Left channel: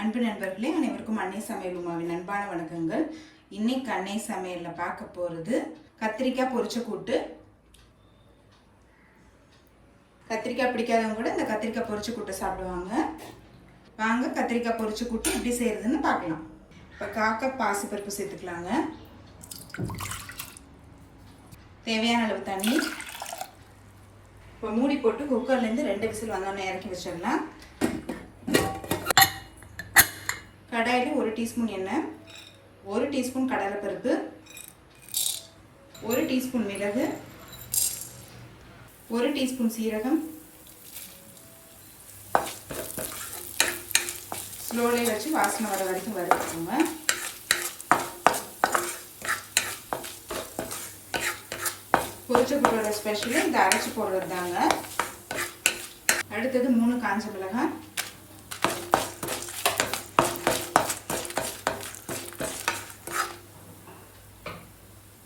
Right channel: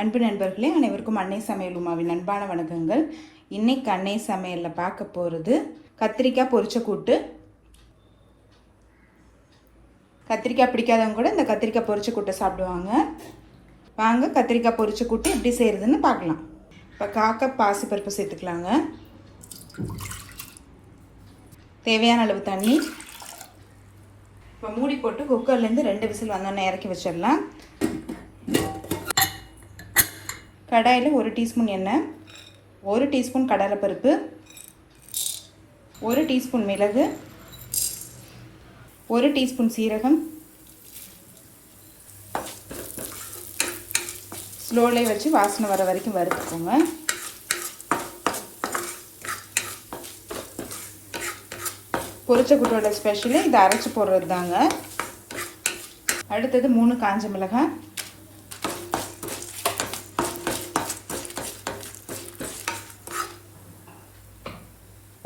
அன்பு நண்பர்களே, அனைவருக்கும் அன்னை சமையல் உமாவின் அன்பான வணக்கங்கள். இன்னைக்கு அன்னை சமையலில் பார்க்க போகிறது கத்திரிக்காய் பொரிச்ச கூட்டு. கத்திரிக்காய் பிடிக்காதவங்க கூட இந்த கத்திரிக்காய் பொரிச்ச கூட்டை சாப்பிடுவாங்க. வாங்க கத்திரிக்காய் பொரிச்ச கூட்டு எப்படி செய்கிறதுன்னு பார்க்கலாம். இப்போ காக்கப் பாசிப்பருப்பு சேர்த்துக்கலாங்க. தேவையான அளவு தண்ணி. இப்போ மூடி போட்டு குக்கர்லேருந்து 2 விசில் வந்தோடனே இறக்கி வச்சிடலாம். கடாயில் 1 டீஸ்பூன் எண்ணெய், 1 டீஸ்பூன் கடலைப்பருப்பு, 1 டீஸ்பூன் மிளகு, 1 டீஸ்பூன் சீரகம். ஸ்லோலே வச்சு வாசனை வர வரைக்கும் வறுத்துக்கோங்க. பொரிச்ச கூட்டோட ஸ்பெஷலு இதை அரைச்சி போடுறது தாங்க. அடுத்தது 3 காஞ்ச மிளகாய்,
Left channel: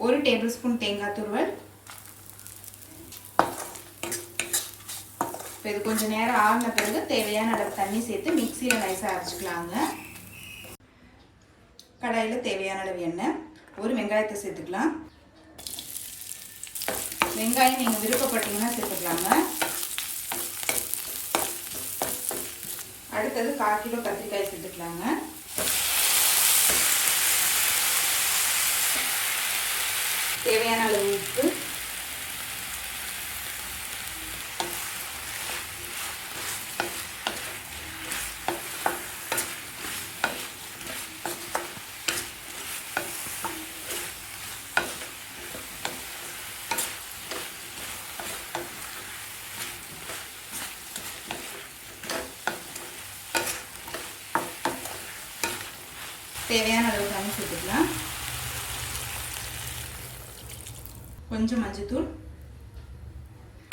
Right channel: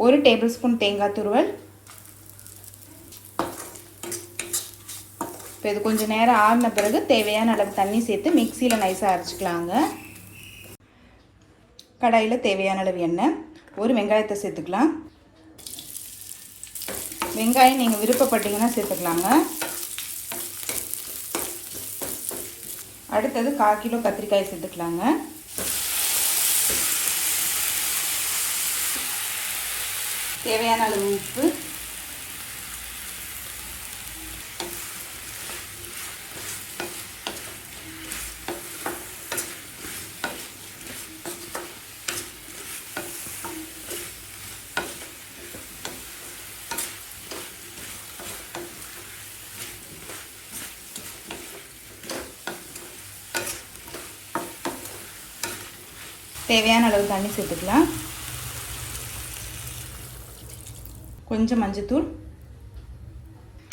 1 டேபிள் ஸ்பூன் தேங்காய் துருவல். இப்போ இது கொஞ்சம் நேரம் ஆறின பிறகு தேவையான அளவு தண்ணி சேர்த்து மிக்சியில் நைஸாக அரைச்சிக்கலாங்க. கடாயில் தேவையான அளவு எண்ணெய், 1 வெங்காயத்தை சேர்த்துக்கலாம். வெங்காயம் நீங்கள் விருப்பப்பட்டீங்கன்னா சேர்த்துக்கலாங்க. அடுத்தது 1/4 கிலோ கத்திரிக்காய் சேர்த்துக்கலாங்க. தேவையான அளவு உப்பு, தேவையான அளவு தண்ணி சேர்த்துக்கலாம். கொஞ்சம் மஞ்சத்தூள்.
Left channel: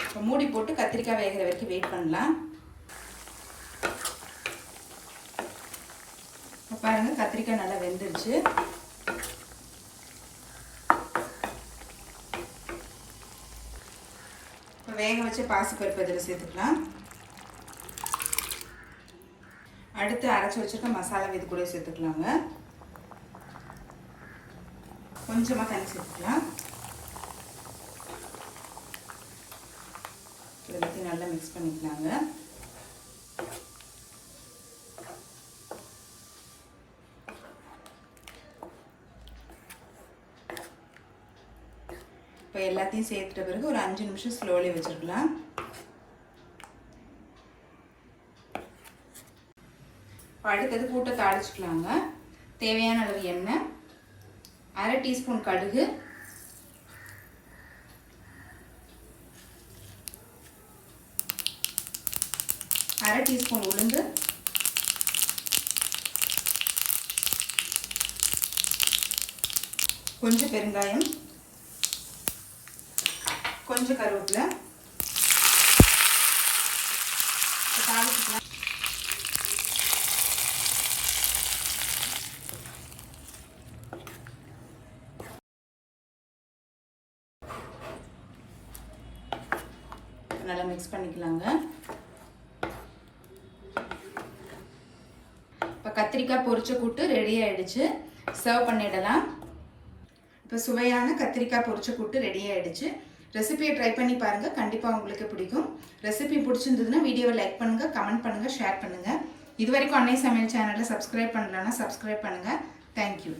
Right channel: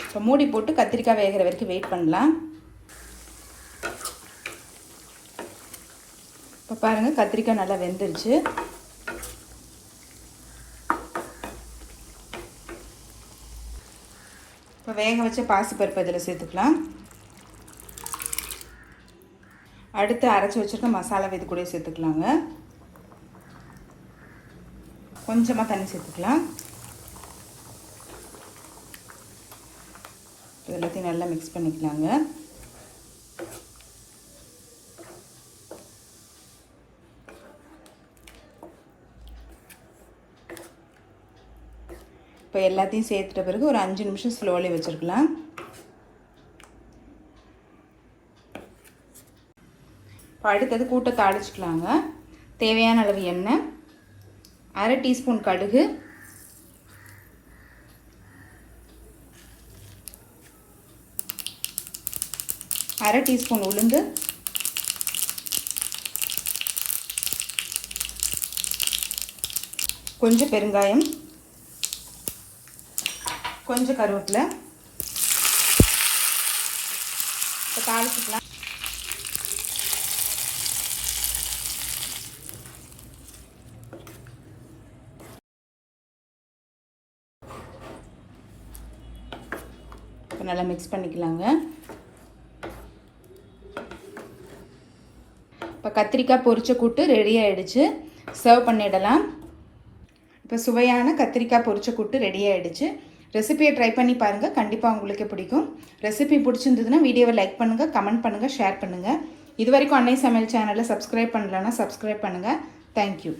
இப்போ மூடி போட்டு கத்திரிக்காய் வேகிற வரைக்கும் வெயிட் பண்ணலாம். இப்போ பாருங்கள், கத்திரிக்காய் நல்லா வெந்துருச்சு. இப்போ வேக வச்ச பாசிப்பருப்பு அதில் சேர்த்துக்கலாம். அடுத்து அரைச்சி வச்சுருக்க மசாலா இது கூட சேர்த்துக்கலாங்க. கொஞ்சமாக தண்ணி சேர்த்துக்கலாம். எல்லாத்தையும் நல்லா மிக்ஸ் பண்ணிக்கலாங்க. இப்போ எல்லாத்தையும் சேர்த்துட்ட பிறகு ஒரு 5 நிமிஷம் ஸ்லோலி வச்சுருக்கலாம். இப்போ அடுத்தது கூட்டை தாளிச்சிக்கலாங்க. தேவையான அளவு எண்ணெய், 1/2 டீஸ்பூன் கடுகு, 1/2 டீஸ்பூன் உளுந்து, கொஞ்சம் பெருங்காயம், கொஞ்சம் கருவேப்பிலை. தாளிச்சுக்கலாம். நல்லா மிக்ஸ் பண்ணிக்கலாங்க. இப்போ கத்திரிக்காய் பொரிச்ச கூட்டு ரெடி ஆகிடுச்சு. சர்வ் பண்ணிடலாம். இப்போ சுவையான கத்திரிக்காய் பொரிச்ச கூட்டு ரெடி ஆகிடுச்சு. ரெசிபியை ட்ரை பண்ணி பாருங்கள், கண்டிப்பாக உங்களுக்கு பிடிக்கும். ரெசிபி பிடிச்சிருந்ததுன்னா வீடியோவை லைக் பண்ணுங்கள், கமெண்ட் பண்ணுங்கள், ஷேர் பண்ணுங்கள். இது வரைக்கும் அன்னை சமையல் சேனலை சப்ஸ்கிரைப் பண்ணலன்னா சப்ஸ்கிரைப் பண்ணுங்கள். தேங்க்யூ.